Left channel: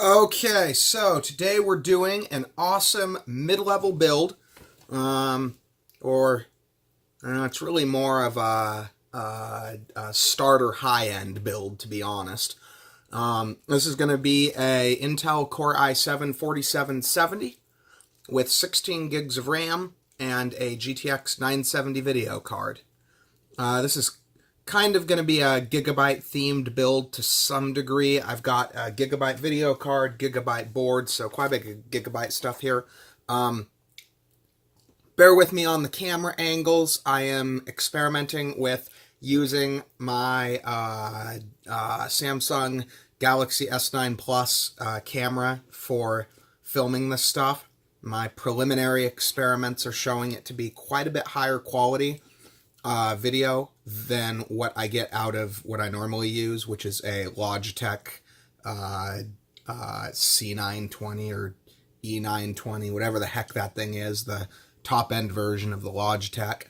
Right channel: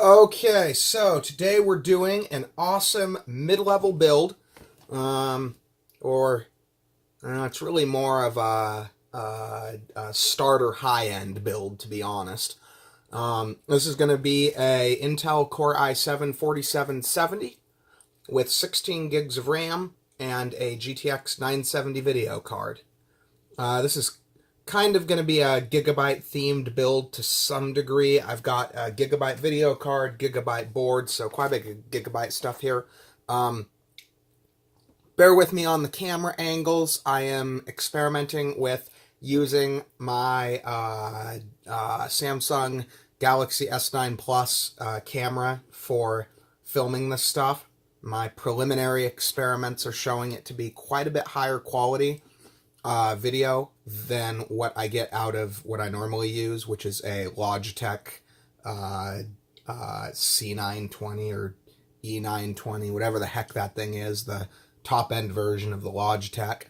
Okay, so today we're doing an awesome mid-level build, or it's really more of a starter high-end build, to be honest. This is going to be a Intel Core i7 4770 with 16 gigs of RAM and a GTX 970 video card. This is kind of going to be a gigabyte themed build to some degree. I've got a gigabyte video card, gigabyte board, so quite a bit of gigabyte stuff here. Bear with me on the camera angles. I am experimenting with using my Samsung Galaxy S9 Plus camera for filming this stuff. My preliminary experiments are showing it to be quite a bit higher quality video than what I get out of what I normally use, which is a Logitech C920 or E920, whatever the heck that thing is, the top-end version of the Logitech.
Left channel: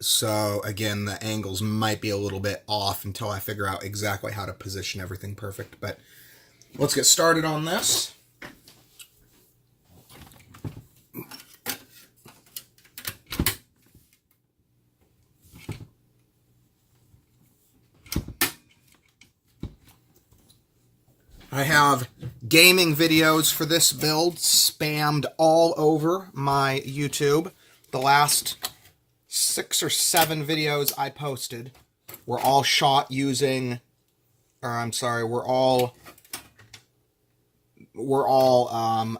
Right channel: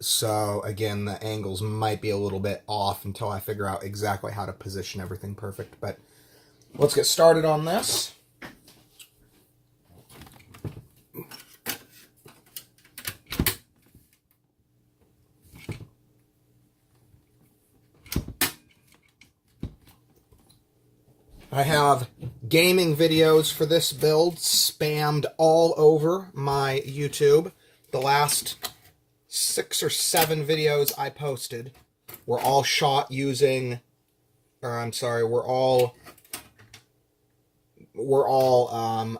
So again, the angles might be a little bit off until I figure out exactly how to position everything perfect. But let's get started on this. I have gaming videos for this build spammed all over my YouTube. The last 6 or 7 videos I posted were all shot using, were all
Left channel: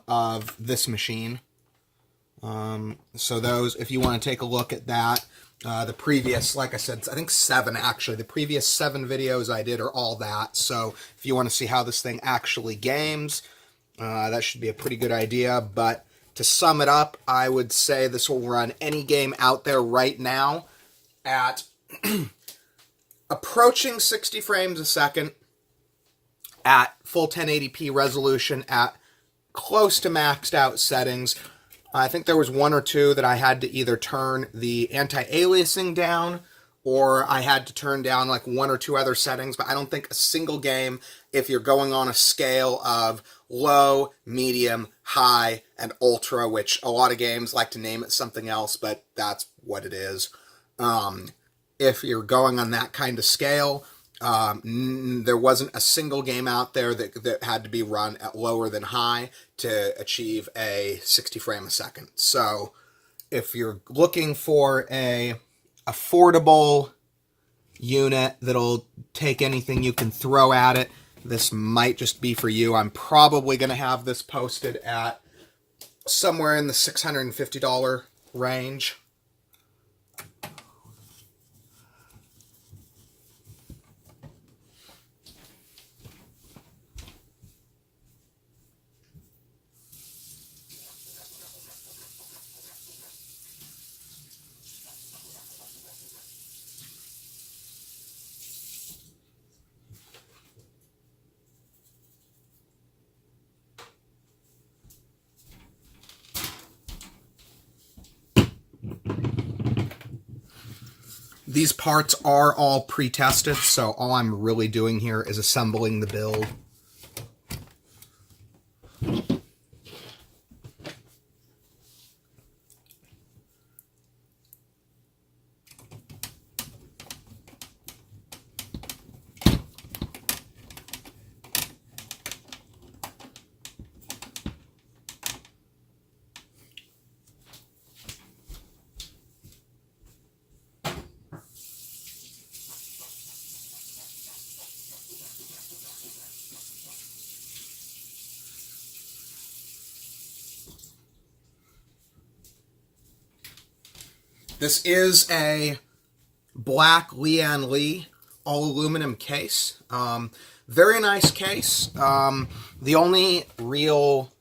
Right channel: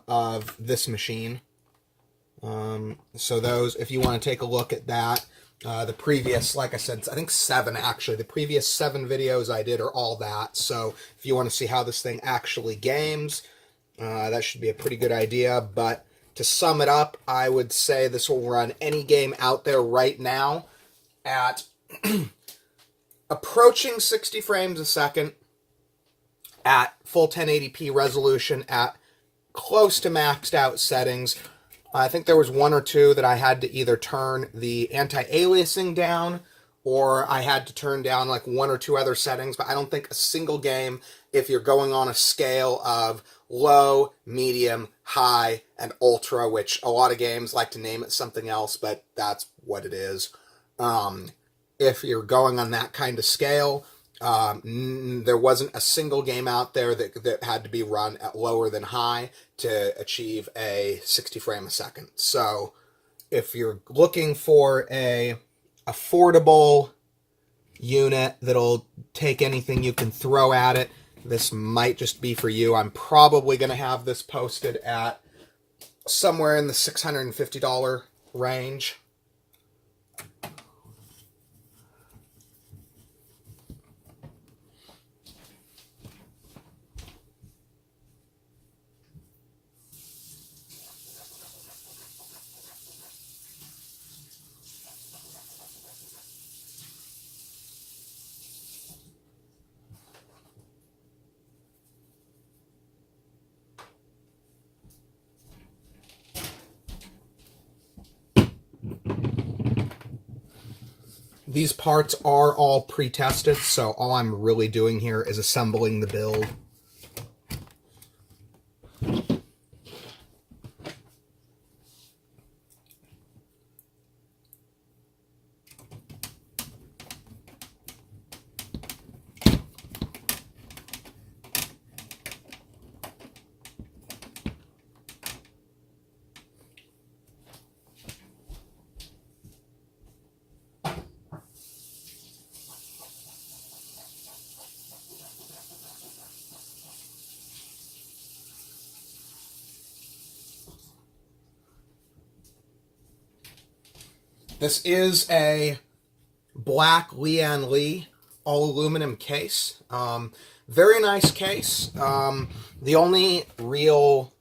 of this machine. So those, if you want to take a look at that, the previous, like I said, I think 7 actually. The previous 7 videos I did are all that. So if you want to see how this thing actually games, that should be a pretty good idea. But to sum it up, I would say this will run any game out there right now at approaching 60 frames a second, at full 1080p resolution, at close to maxed out settings. I think there was 1 or 2 that I had to either turn the anti-aliasing down, or I had to turn down like 1 or 2 other settings, but I don't think a single game, if you're going on a scale of low, medium, high, and ultra, which a lot of games like to name it something else, but that's what it is. If you're going on that kind of scale, there wasn't a single game out there that had to be run at lower than high to achieve a 60 frame a second. So if you're looking for a affordable unit that'll take anything you can throw at it, this might just be for you. I'm probably going to have this posted at somewhere in the $650 range. These parts are all pre-tested, so all I'm really doing here is assembling the build. This is a black Lian Li all aluminum case. Very nice case. The only real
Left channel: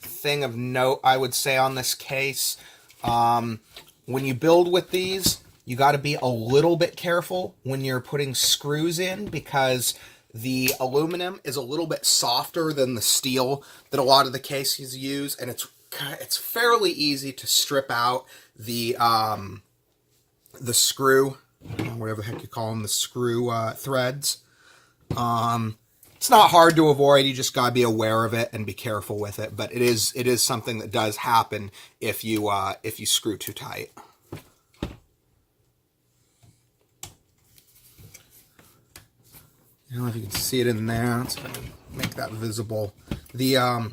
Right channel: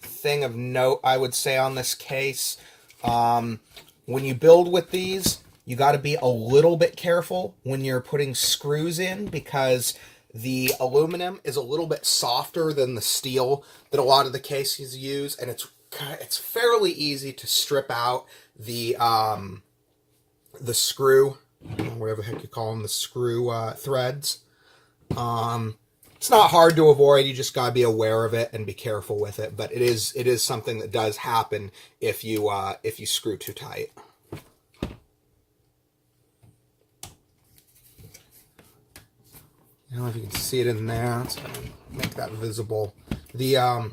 thing of note I would say on this case, when you build with these, you got to be a little bit careful when you're putting screws in, because the aluminum is a little bit softer than the steel that a lot of the cases use, and it's fairly easy to strip out the screw, whatever the heck you call them, the screw threads. It's not hard to avoid. You just gotta be aware of it and be careful with it. But it is something that does happen if you screw too tight. I don't know if you can see it in there. Let's make that visible. The I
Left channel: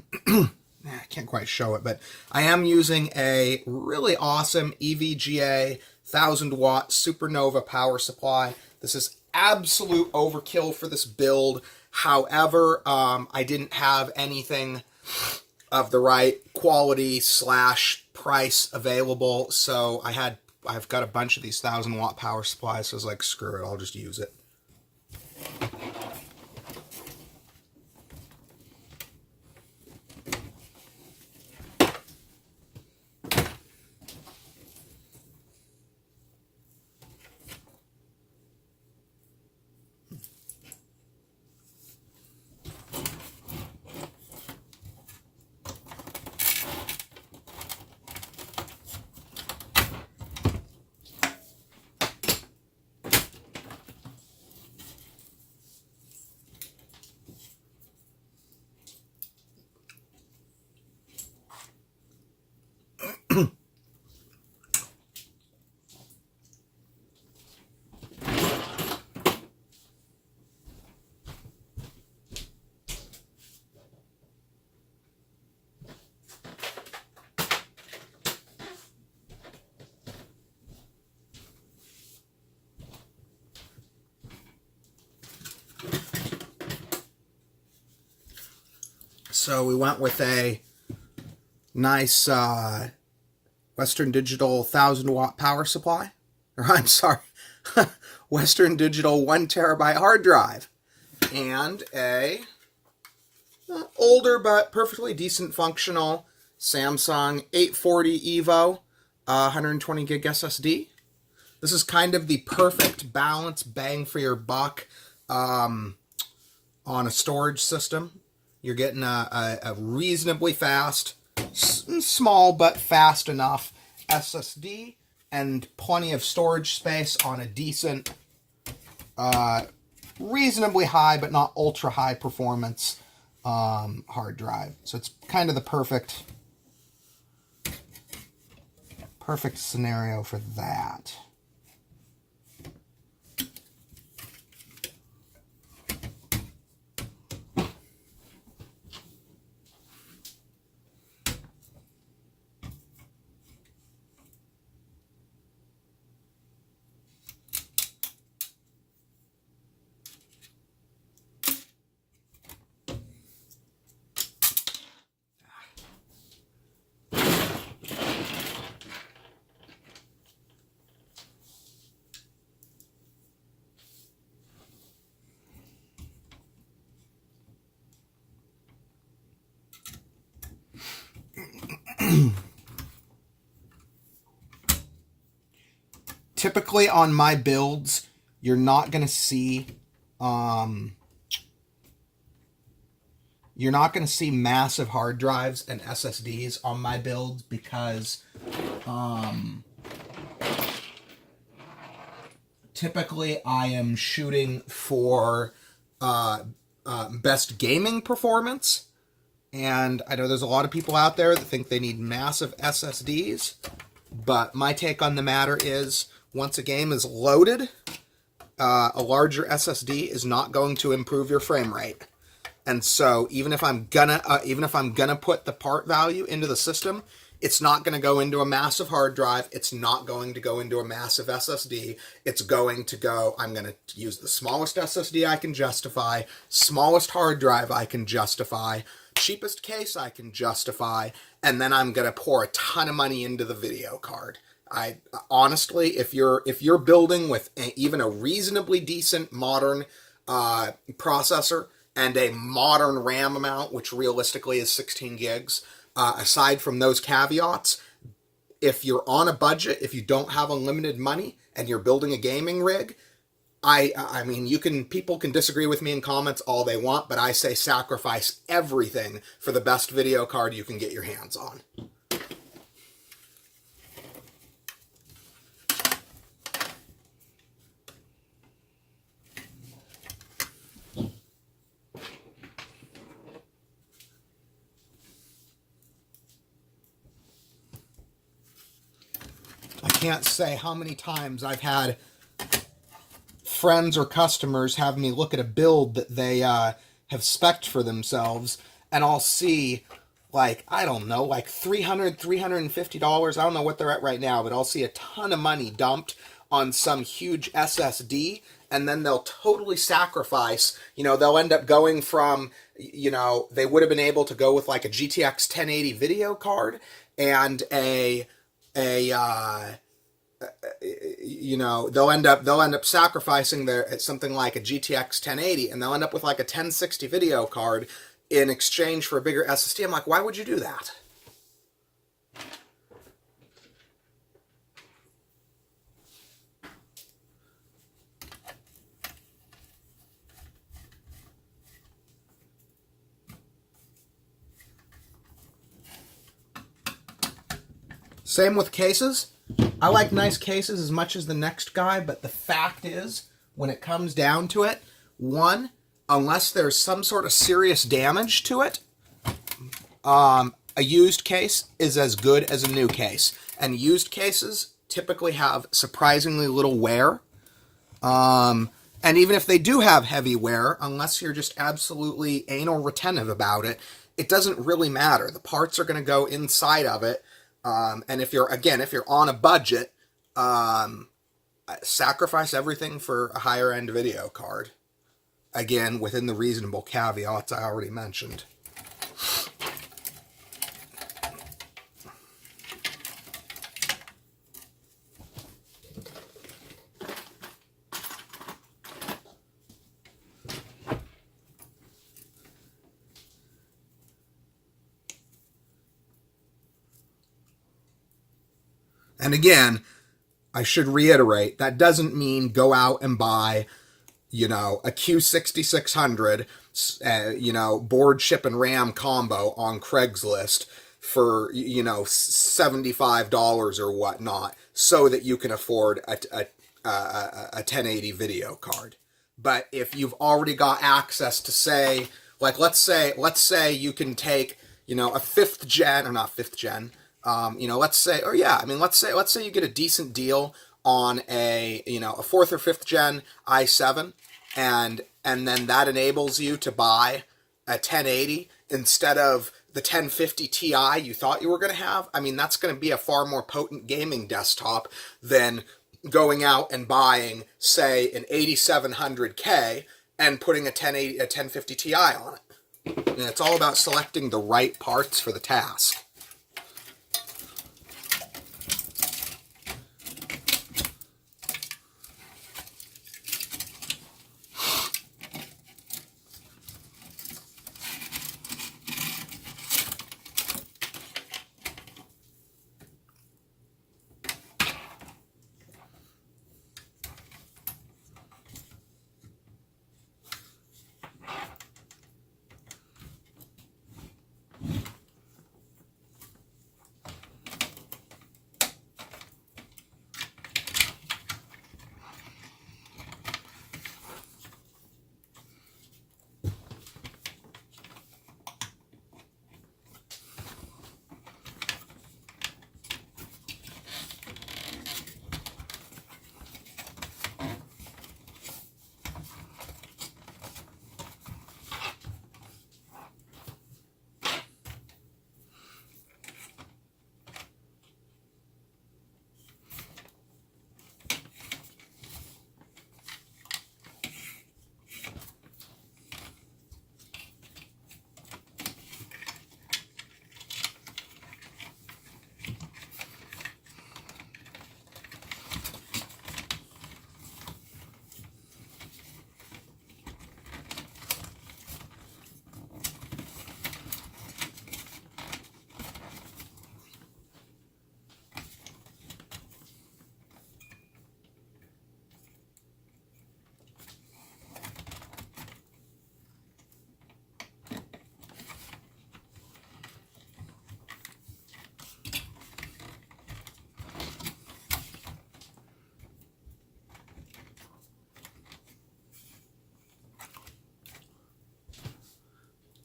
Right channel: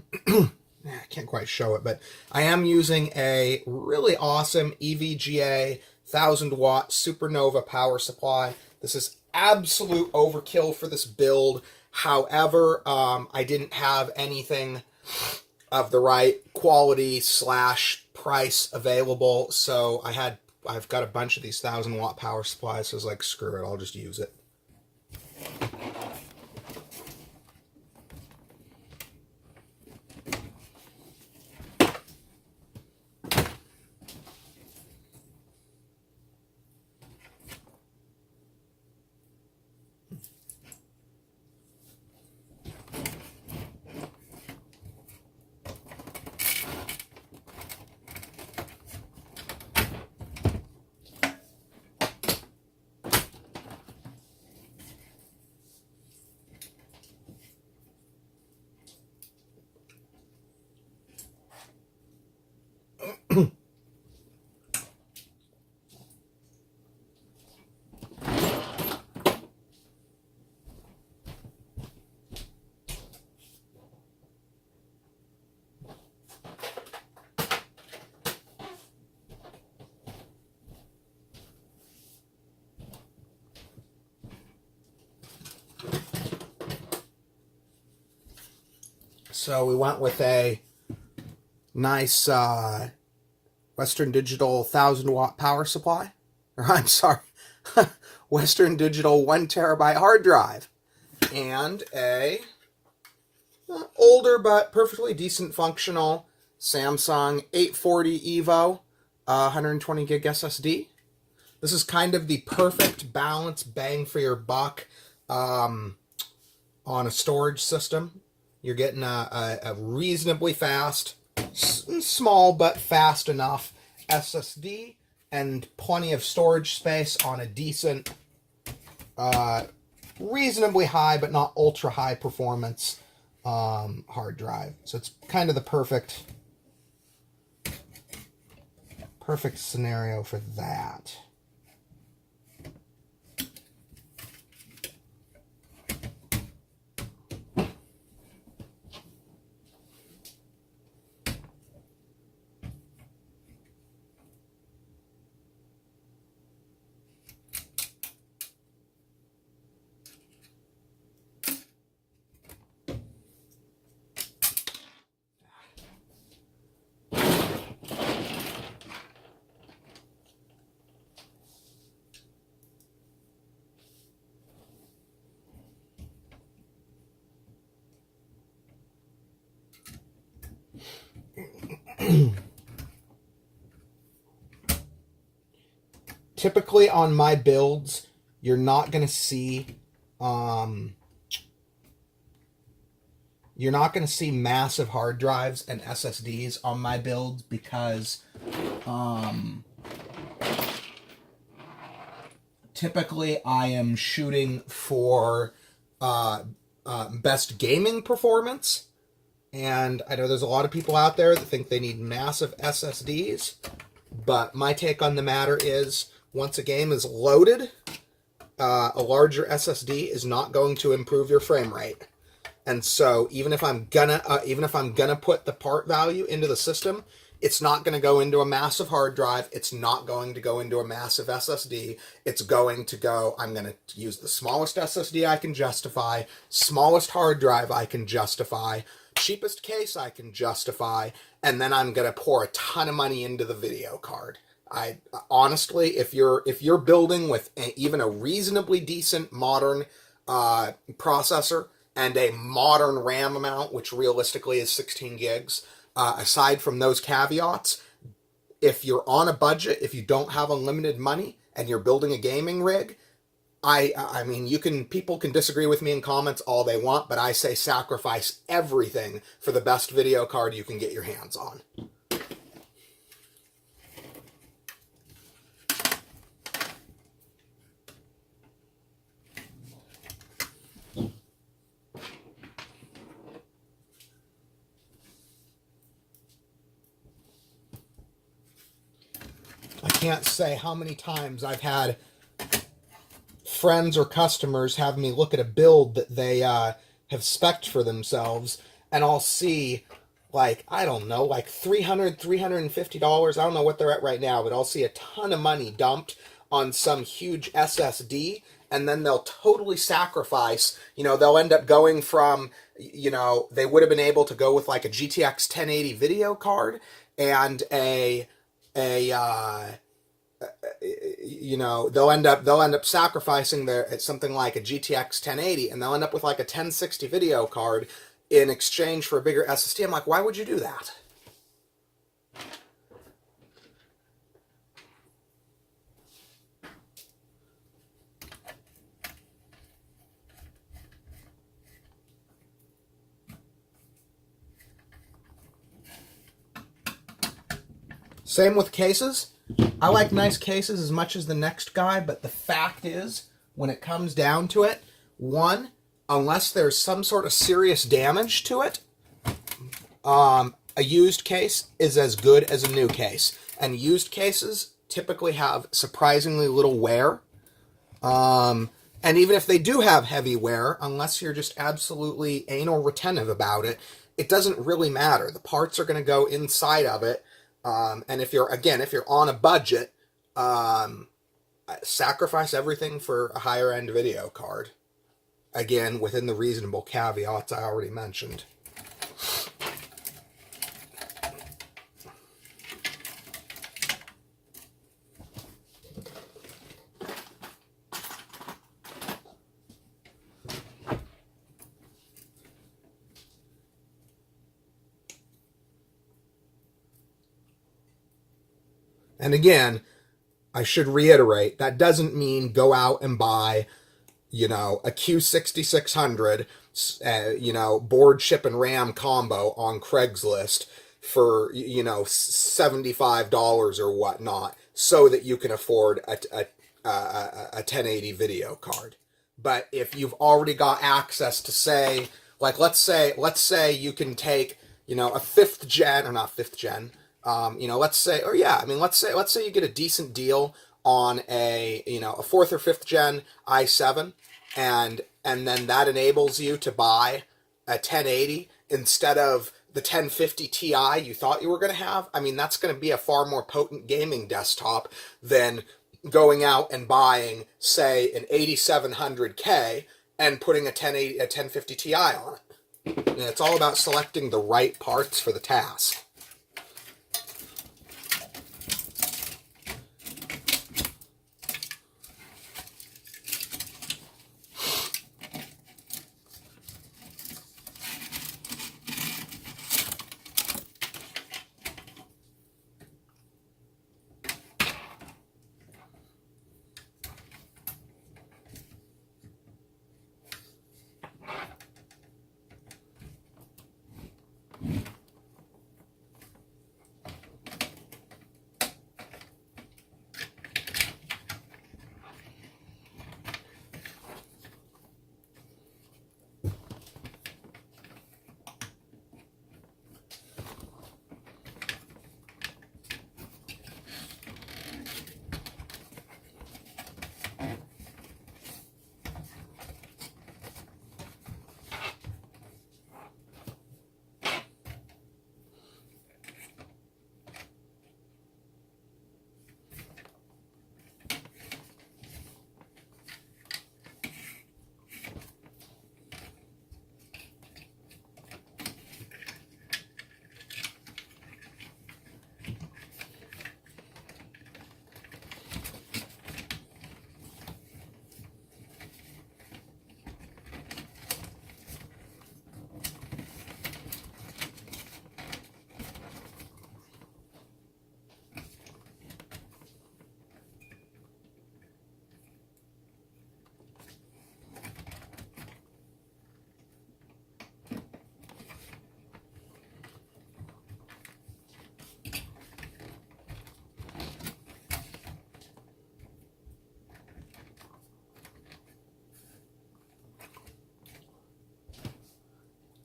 can't quite show it, but I am using a really awesome EVGA 1000-watt Supernova power supply. This is absolute overkill for this build. However, I didn't have anything of the right quality / price available, so I've got a bunch of these 1000-watt power supplies. So I was like, screw it, I'll just use it. So we went with a nice Western Digital 1000-watt power supply. Or I'm sorry, Western Digital 1 terabyte hard drive. And a older but perfectly decent functional Samsung 840 EVO 120 gig SSD. This is kind of the perfect balance, bang for your buck on a storage system. You're getting a reasonably fast, small but fast enough SSD and plenty of storage space on a decent, reasonably high but not ultra high performance hard drive. So it's kind of the perfect scenario for that. Typically on my builds, you're not going to see massive hard drives and SSDs on my builds because typically I am shooting for best gaming performance. And I know there's a lot of people out there that think they need massive SSDs, but my take on the matter is once a game is loaded, a larger SSD is not going to improve your frame rate. And so even if I'm gonna put the part value into the system, it's not going to go into a massive hard drive. It's not going to go into a massive SSD. It's going to go, I'm going to use the smallest SSD I can justify, smallest hard drive I can justify, cheapest case I can justify, and then I'm going to pour a ton of money into the video card. I honestly, if you're building with even a reasonably decent modern processor and a modern RAM amount, which realistically is 16 gigs, aside from those caveats, if you're on a budget, if you don't have unlimited money and you're building a gaming rig, I mean, people can disagree with me in comments all they want, but I say sacrifice everything for the best video card you can get your hands on. can't say how many times I've had friends or customers have me look at a build that they have spec'd for themselves, and I'll see, like, I don't know, like $300, $350. I don't know what they're at right now, but I'll see a ton of money dumped on some huge SSD, and then they'll totally sacrifice, they'll end up going from, they would have been able to go with like a GTX 1080 video card and they'll end up sacrificing something like a GTX 1080, and they'll end up with like a 1060 video card in exchange for a bigger SSD. I'm like, why would you do that? Same with cases. I like nice cases as much as the next guy, but the fact is, when it comes down to it, one, unless there's some sort of serious damage to it, a used case is as good as a new case. And used cases typically have surprisingly little wear. And even if they do have heavy wear, unless you're just absolutely anal retentive about it, it doesn't really matter. The parts are going to go inside of it. And if you're on a budget, sacrifice everything for a higher end video card. Again, within the reasonable caveats I already mentioned. And again, I should reiterate, that doesn't mean go out and buy, a Q6600, board, chip, and RAM combo on Craigslist for, $75 or whatnot, so that you can afford a 1080 video card. But if you've already got access to, say, like, let's say you can take, a fifth gen, or not fifth gen, let's say you get a decent deal on a fourth or fifth gen i7, and then that enables you to buy a 1080 instead of the 1050 Ti you thought you were going to have. I mean, that's going to be a far more potent gaming desktop than going out and buying, say, an 8700K and putting a 1050 Ti on it. And it's all about selecting the right parts for the task.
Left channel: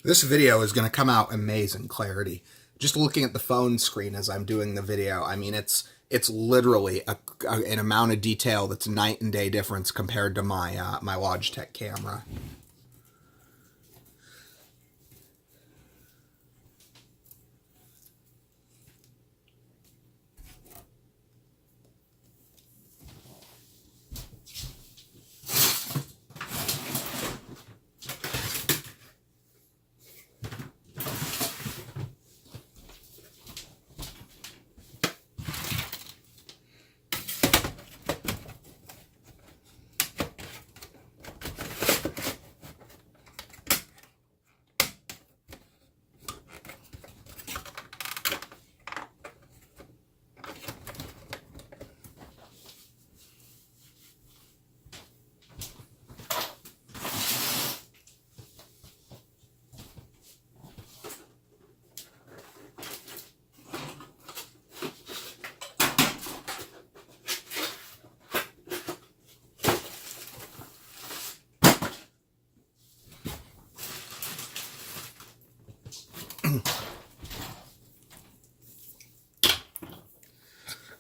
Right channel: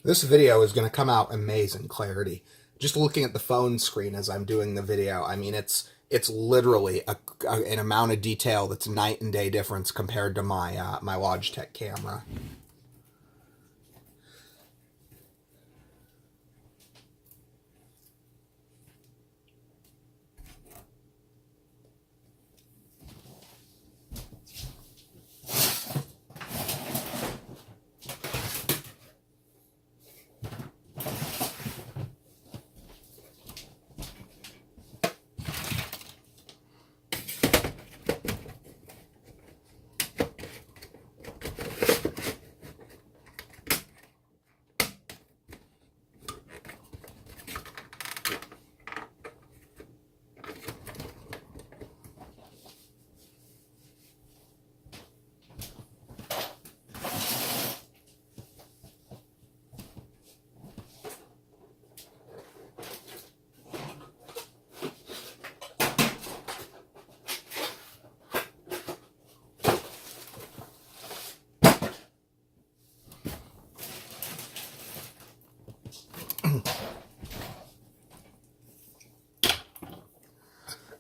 This video is going to come out amazing clarity. Just looking at the phone screen as I'm doing the video, I mean, it's it's literally an amount of detail that's night and day difference compared to my my Logitech camera.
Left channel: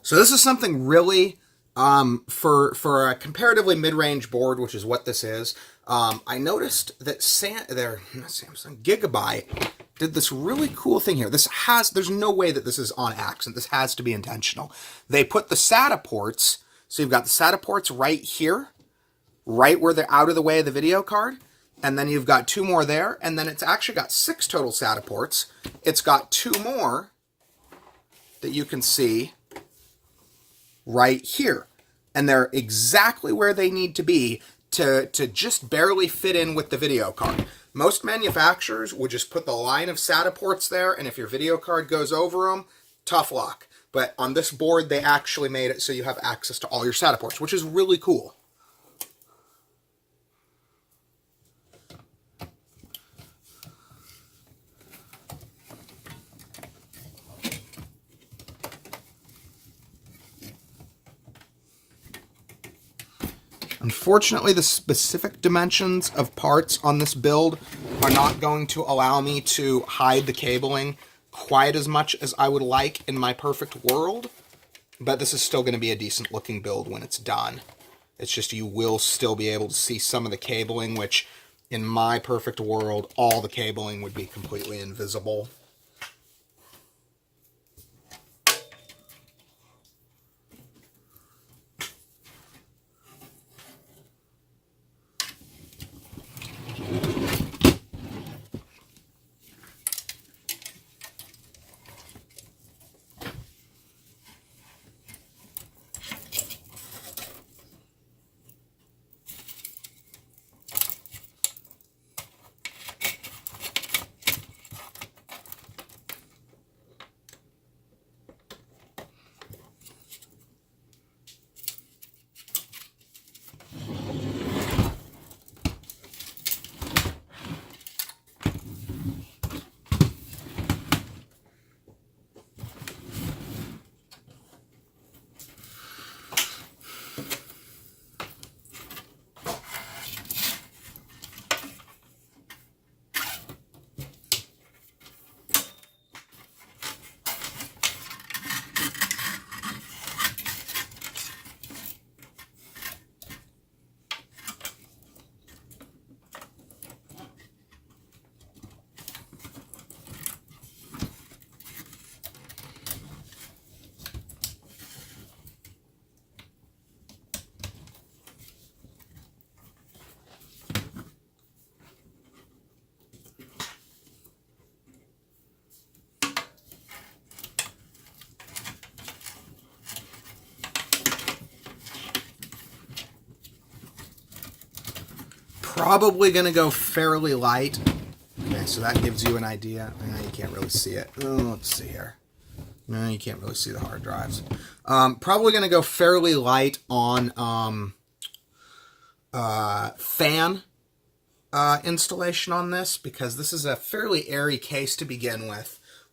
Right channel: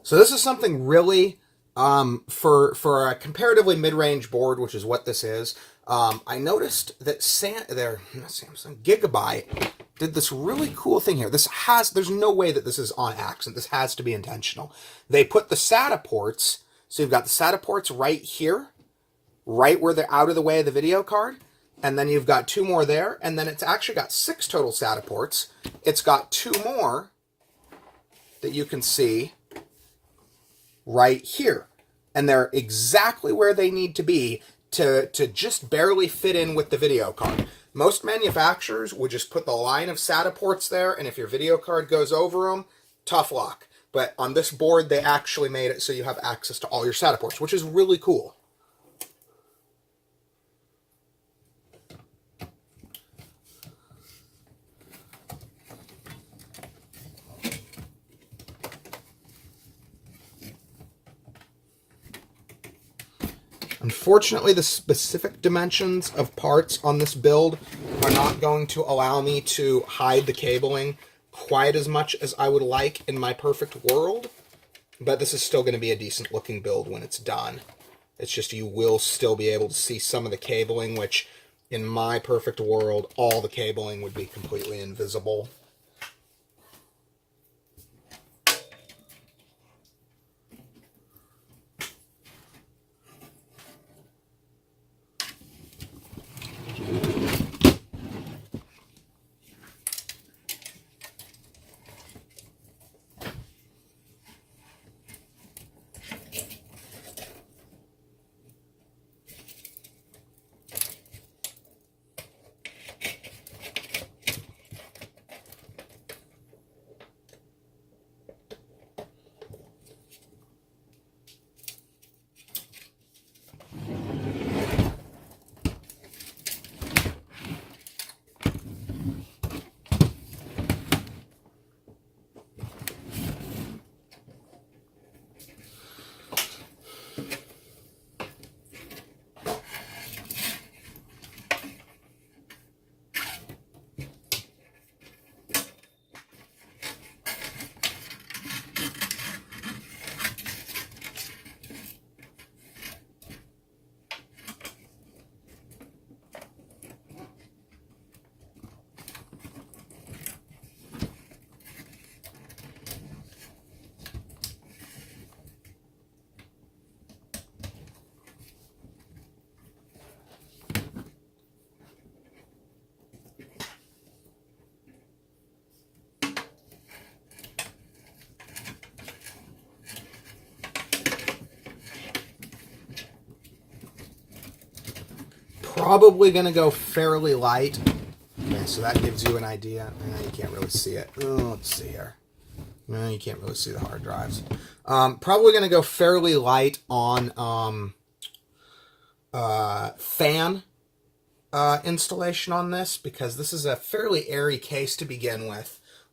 So this is something really, for a comparatively mid-range board, which is what this is. I noticed that Samsung Gigabyte did this really cool thing here. There's no way that this is on accident. This has to be intentional. They put the SATA ports, so you've got the SATA ports right here, right where they're out of the way of the video card, and then you've got 2 more there, and then it's actually got 6 total SATA ports. It's got 2 more that you can see right here, and they're exactly where they need to be to just barely fit in with the video card. Most manufacturers would just put the line of SATA ports there, and if your video card goes over them, tough luck. But on this board, they actually made it so you have access to all your SATA ports, which is really cool. Unfortunately, the specific dimensions of parts on this build are not going to allow me to hide the cabling quite as much as I would like in my perfect world, but this is still going to be a decent looking build when it's done. It's just you will still be able to see some of the cabling, which in my perfect world, all the cabling would be completely invisible. Probably going to go fairly light. Okay, so that gives you an idea. You can't really see it. Let's see here. No, you can't really see the hard drives. Probably going to go fairly light on fan installation on this, because this is a fairly airy case to begin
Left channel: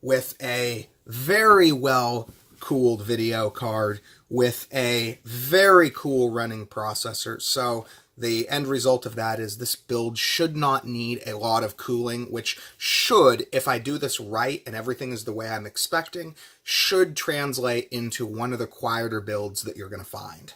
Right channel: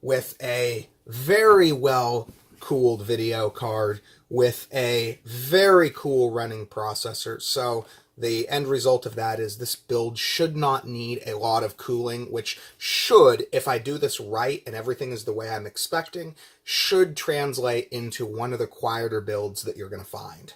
with a very well cooled video card, with a very cool running processor. So The end result of that is this build should not need a lot of cooling, which should, if I do this right and everything is the way I'm expecting, should translate into one of the quieter builds that you're going to find.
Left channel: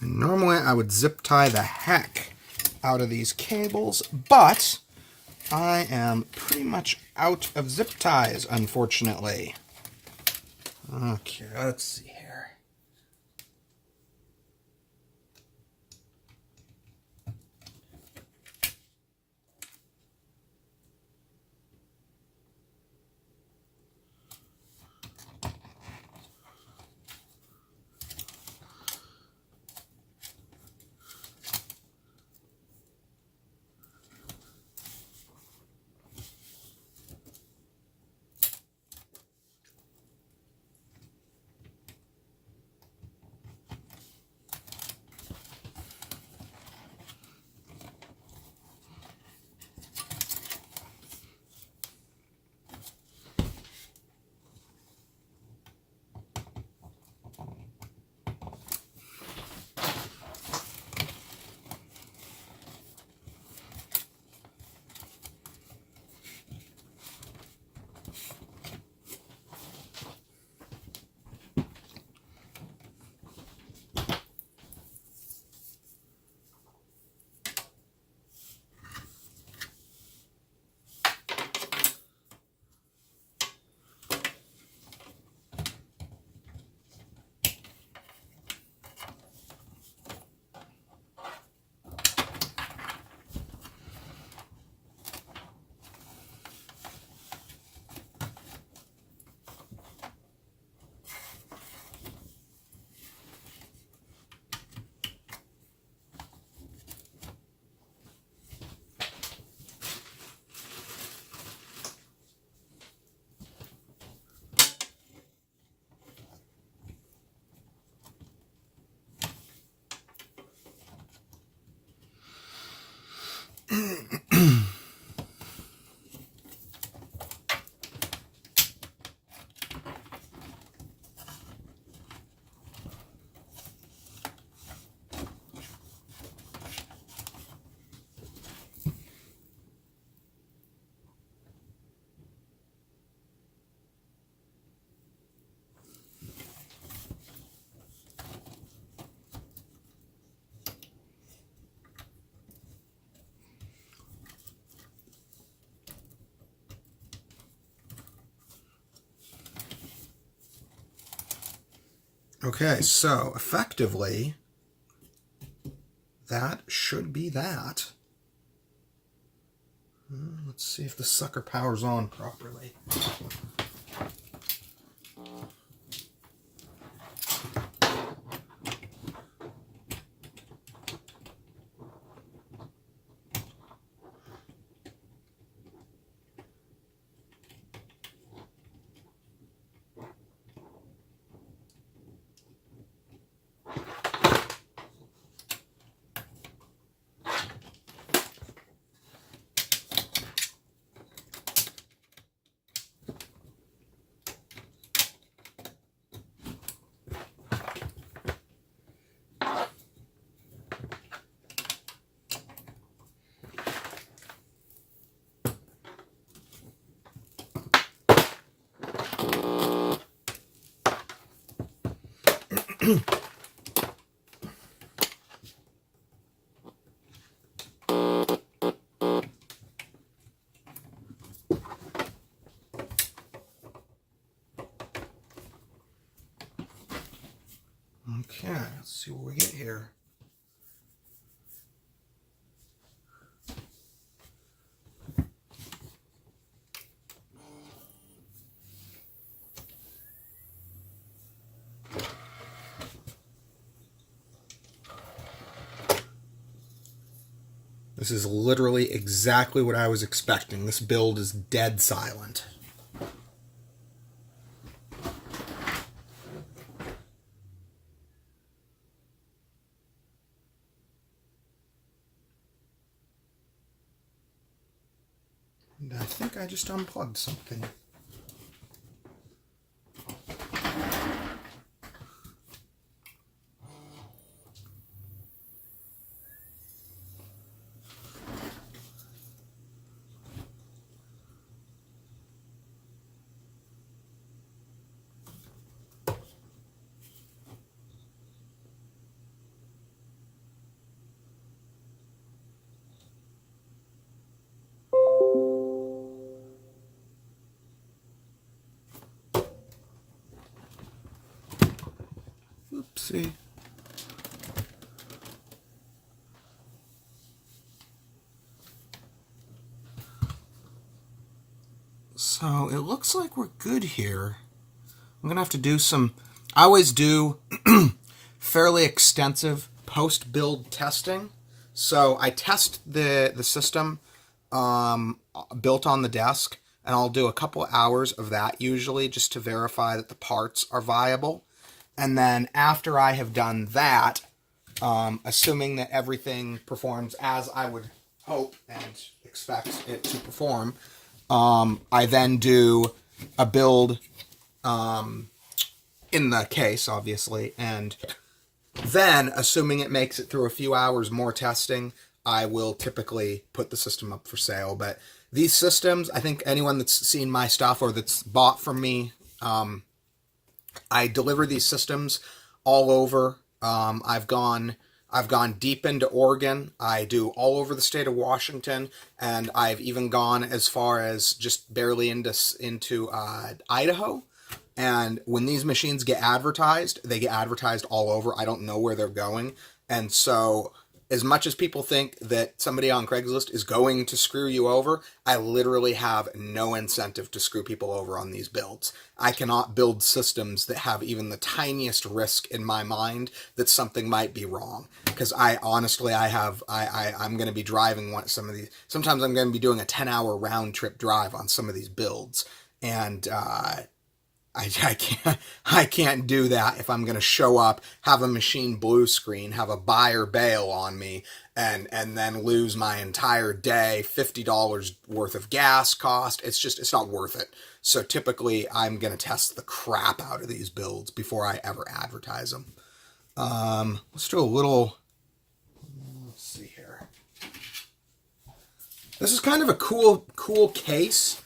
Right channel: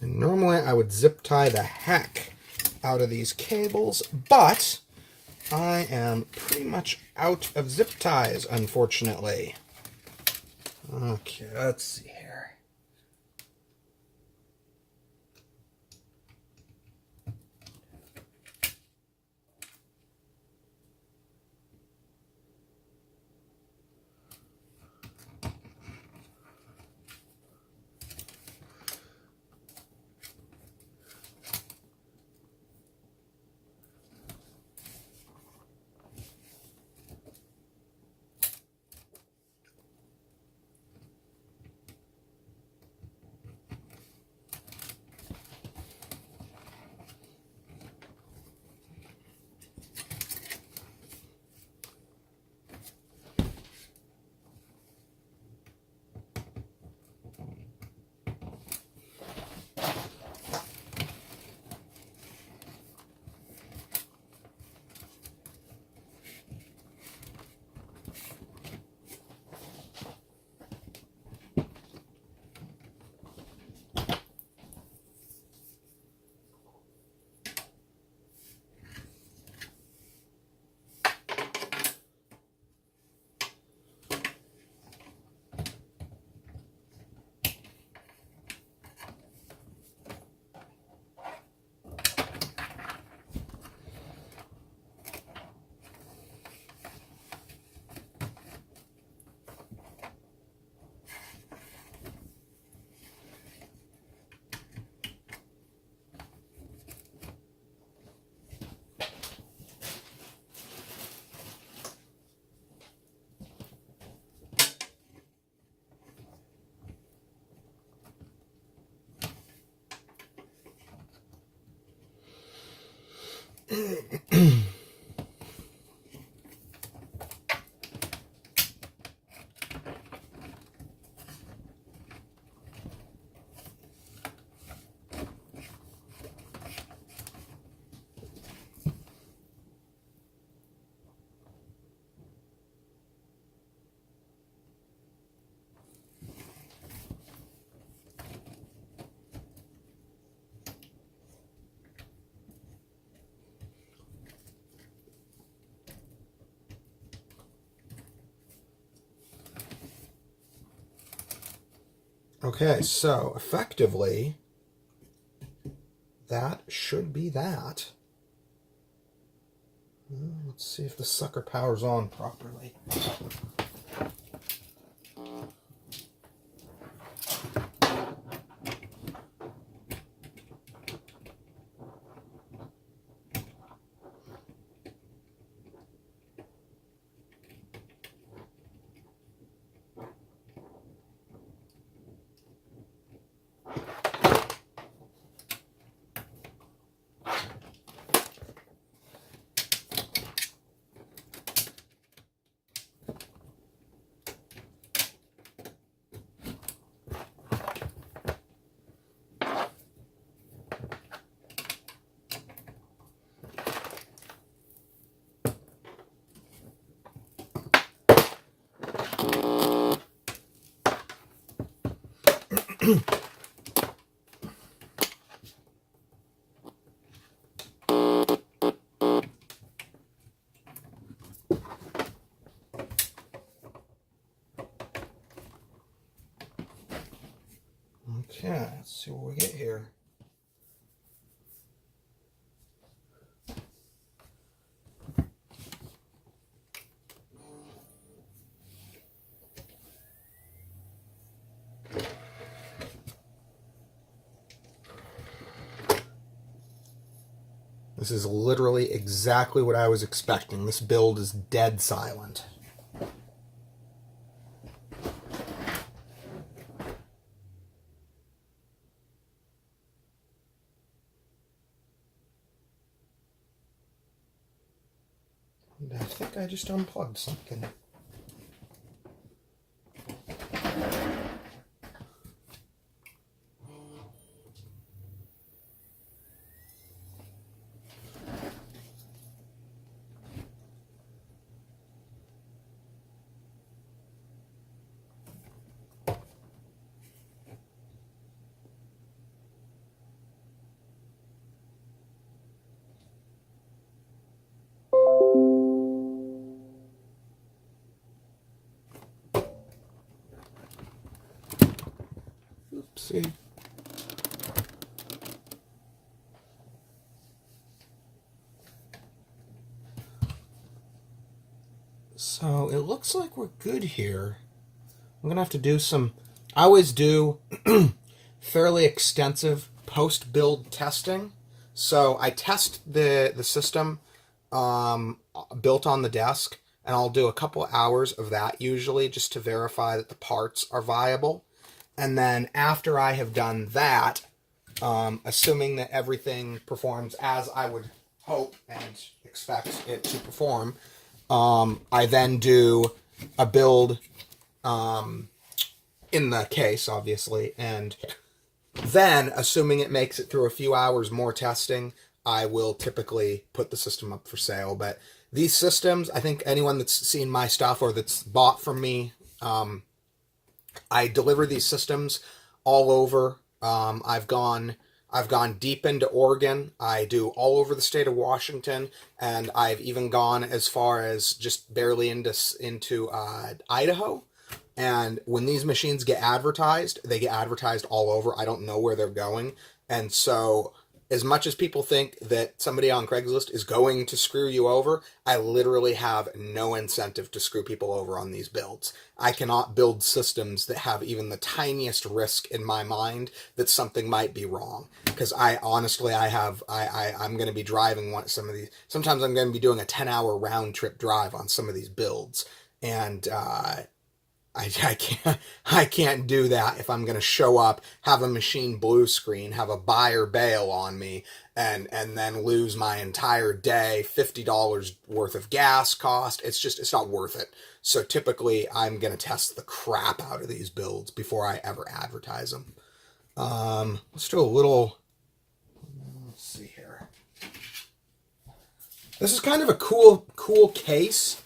And normally I would zip tie the heck out of these cables, but I am pretty much out of zip ties, unfortunately. Okay, let's see here. Okay, so effectively, that should be that. Let's see if the sucker powers on properly. Okay, let's see what we get here. This is literally exactly what I was expecting. This build is dead silent. And I think I just unplugged something. Oopsie. So it looks like we're good here. I'm going to have to do some... I always do fairly extensive post-build testing. So I test the system built on the desk, and I'll do a couple hours of that usually just to verify that the parts are viable. And then after I have done that, assuming that everything performs as I would hope and expect it to perform, I then do a build in the case, obviously, and then, assuming it makes it through a few hours more testing, I will typically put the system up for sale. But these systems, I think anyone that's seen my stuff or that's bought from me, I deliver these systems all over. I've gone deep into Oregon. I do all over the state of Washington, and I've even gone as far as just barely into Idaho. And when these machines get advertised, they get advertised all over. I don't know where they're going. And so as much as people think that somebody on Craigslist is going to screw you over, I literally have no incentive to screw people over on these builds. I cannot build systems that have even the tiniest risk in my mind that something might be wrong. Because I'm going to be driving some of these. Sometimes I'm going to be doing a 10-hour round trip drive on some of these builds. And I can't do that if I'm going to show up, have a machine blue screen, have a buyer bail on me, and then lose my entire day, $50 worth of gas cost. It's not worth it. So typically I'm going to test the crap out of these builds before I ever advertise them. Let's do a little, let's see here. This is kind of a cool case.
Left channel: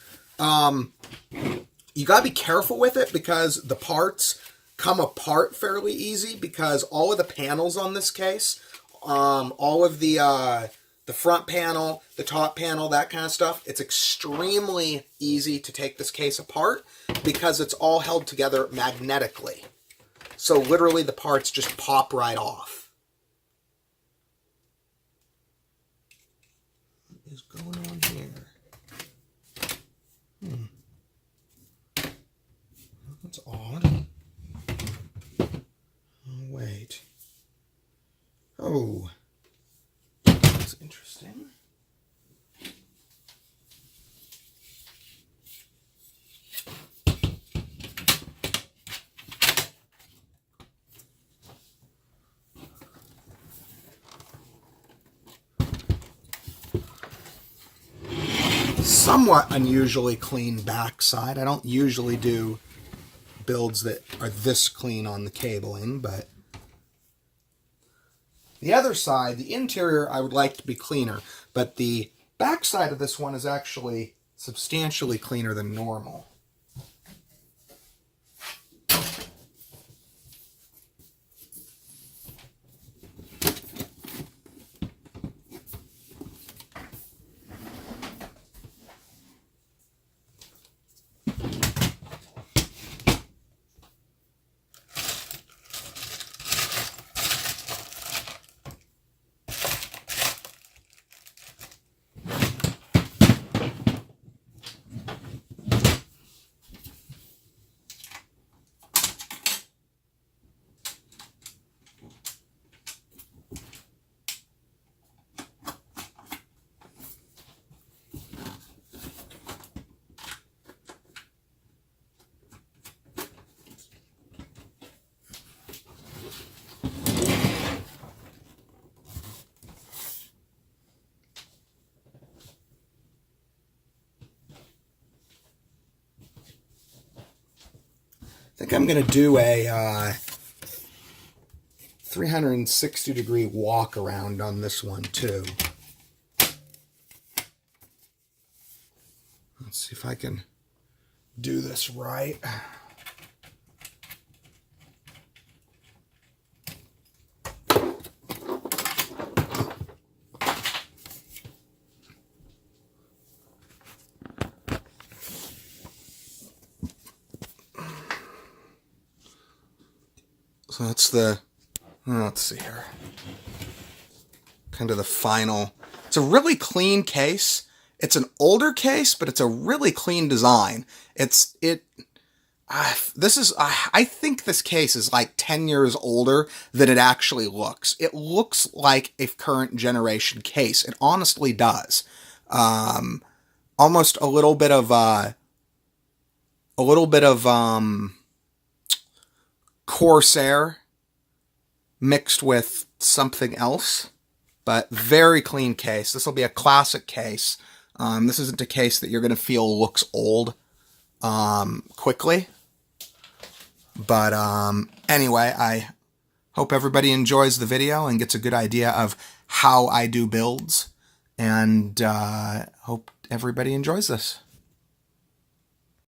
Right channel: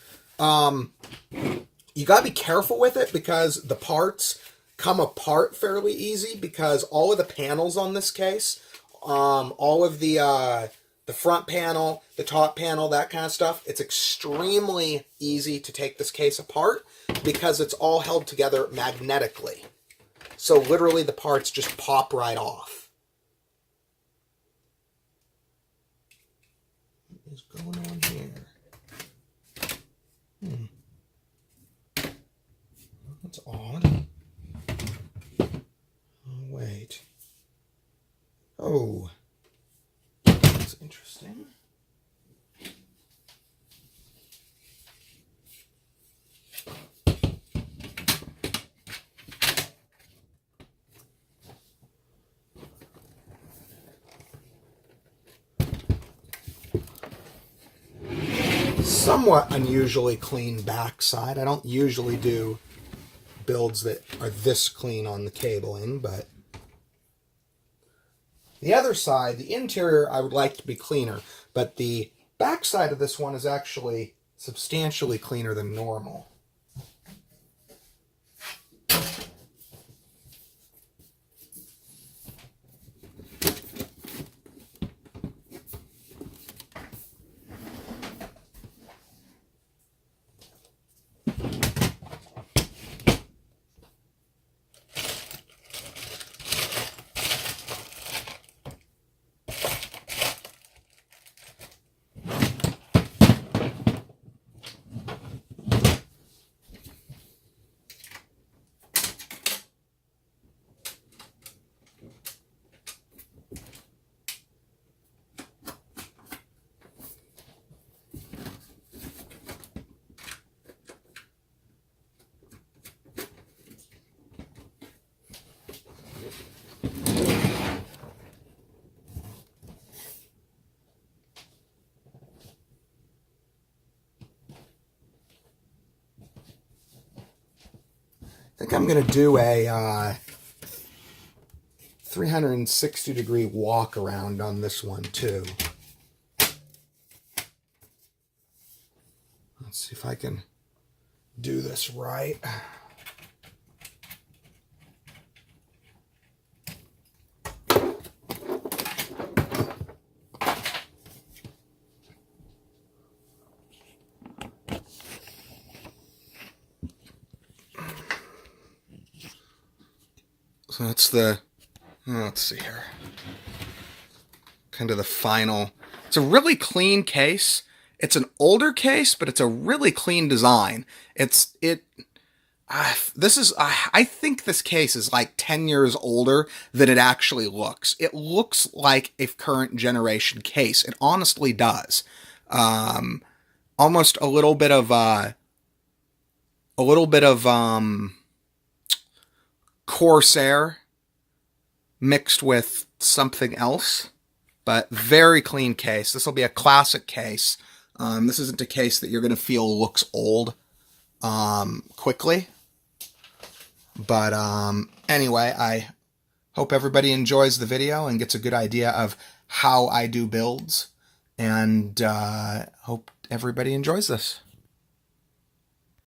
You got to be careful with it because the parts come apart fairly easy because all of the panels on this case, all of the front panel, the top panel, that kind of stuff, it's extremely easy to take this case apart because it's all held together magnetically. So literally the parts just pop right off. What is going on here? That's odd. Oh, wait. Oh. That's interesting. Somewhat unusually clean backside. I don't usually do builds that are this clean on the cabling, but the other side, the interior, I would like to be cleaner, but the back side of this one is actually substantially cleaner than normal. think I'm going to do a 360-degree walk around on this one too. Let's see if I can do this right. So that's the, let's see here, kind of the final. It's a really clean case. It's an older case, but it's a really clean design. I think this case is like 10 years older than it actually looks. It looks like a current generation case. It honestly does. Almost a little bit of Corsair mixed with something else, but very clean case. This will be a classic case. This isn't a case that you're going to feel looks old quickly. But anyway, I hope everybody enjoys the video and gets a good idea of how I do builds, and hope everybody enjoys this.